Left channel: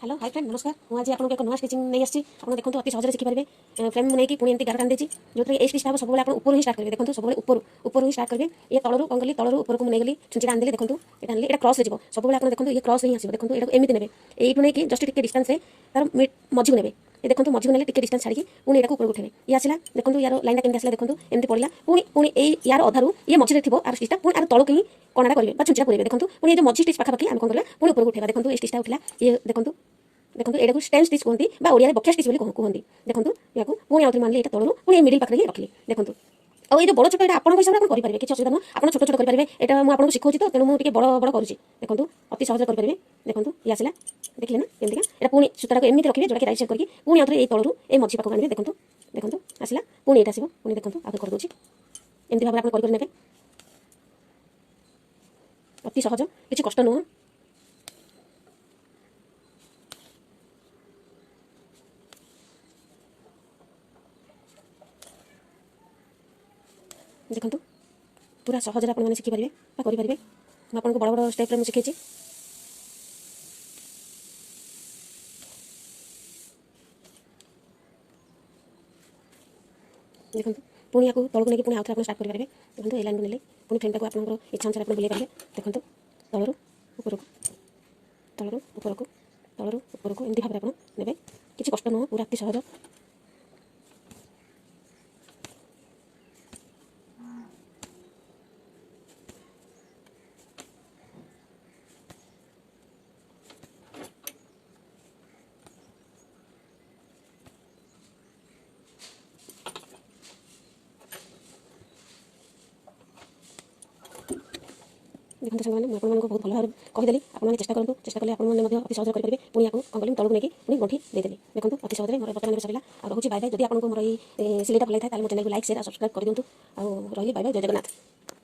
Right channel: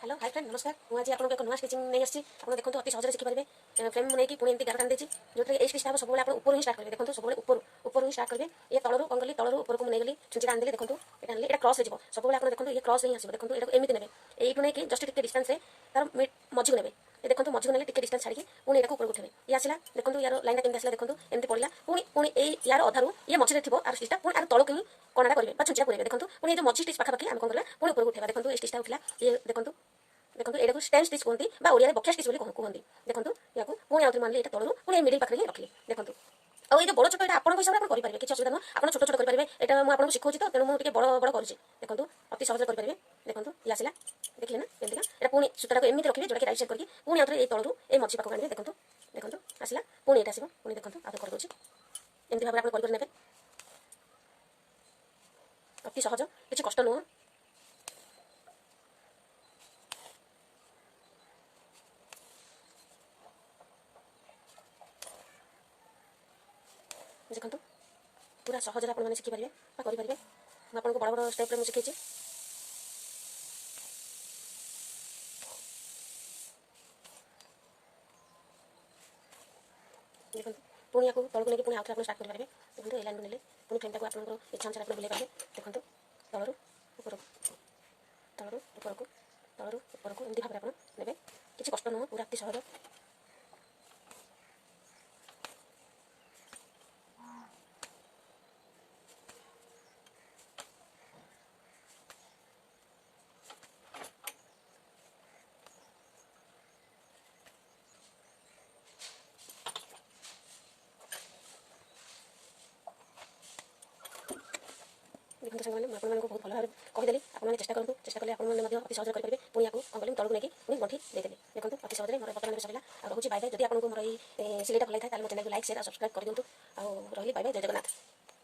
Hello hi friend नमस्कार मुझे आज आपको एक नुआ स्टिचिंग नहीं आसी आप देखो अति सहज शिखिपारे फ्रेम नहीं पुणी एमती गार टाणी देती जो ये स्टिचटा हम सब ऊपर ही स्टार्ट करेंगे देखो सब ऊपर ही स्टार्ट करेंगे ये तलू कौन कली तलू ऊपर को मुझे गली छुंचीटा आनी देखो ये आनी ये क्रॉस हो सब आप देखो ये क्रॉस ही आसो देखो ये एमती ने यू नहीं जस्ट टे डिस्टेंस तार मझी को ने ये देखो मझी को टे डिस्टेंस छाड़ी पुणी यहाँ ऊपर उठे ये आसला देखो यार लाइन केमती आसला देखो एमती पड़ा पुणी पुणी यार अधारू ये मझे थी आर स्टिचटा पुणी आर तलू ही कणाटा करेंगे छुंचीटा पूरे देखो पुणी ये मझी स्टिच पाखापाखि आम कौन करवा पुणी ऊपर उठेगा देखो ये स्टिचटा उठला ये देखो देखो ये स्टेम स्टिच कहते हैं ओडिया बकिया स्टिच कहते देखो या पुणी आउे मानली यहाँ तलू पुणी मिडिल पाखे रखिले देखो और ये बड़ छोट ये आप हिसाब से करेंगे किसी असुविधा नुह आप छोट छोट करेंगे यहाँ मुझे शिखाऊँ तो तेणु मुझे बड़ बड़ करुँच देखो अति सहज करेंगे देखो ये आसला देखिए ना केमती यहाँ पुणी सूता को एमती रखिए जोटा कि राइट साइड करके पुणी आउे ये तलू ये मझी पाखक आने देखो देखो आसला पुणी ये आसो पुणी देखो आगे कर दूसरी एमती भाव में आप करेंगे अति सहज किसी कष्ट नुह देखो पूरा सहज आप शिखिपारे करेंगे मुझे बड़ बड़ स्टेप मुझे शिखे देखो पुणी या तलू नहीं पुणी आउे आप स्टार्ट करेंगे देखो ये लाइन को ने पुणी फ्रेम टाक आप इच्छा अनुसार आप बुले पारे देखो तलू ऊपर को तलू ऊपर को तलू ऊपर को एमती भाव में आप ने किसी कष्ट नुह पूरा अति सहज देखो सांग मैंने आपको बहुत भल भाव कहीदेली आपने चेष्टा करूँ चेष्टा कले आपने अति सहज करेंगे पुणी या कौन कली तलू नहीं पुणी गंठी देदेली देखो अति सहज मोर बर्तमान सरला और रोचे बाय बाय जब आपको मोर ये सिलेटा भल था मोर चैनल को लाइक शेयर और सब्सक्राइब कर दिंतु और रही बाय बाय जय जगन्नाथ।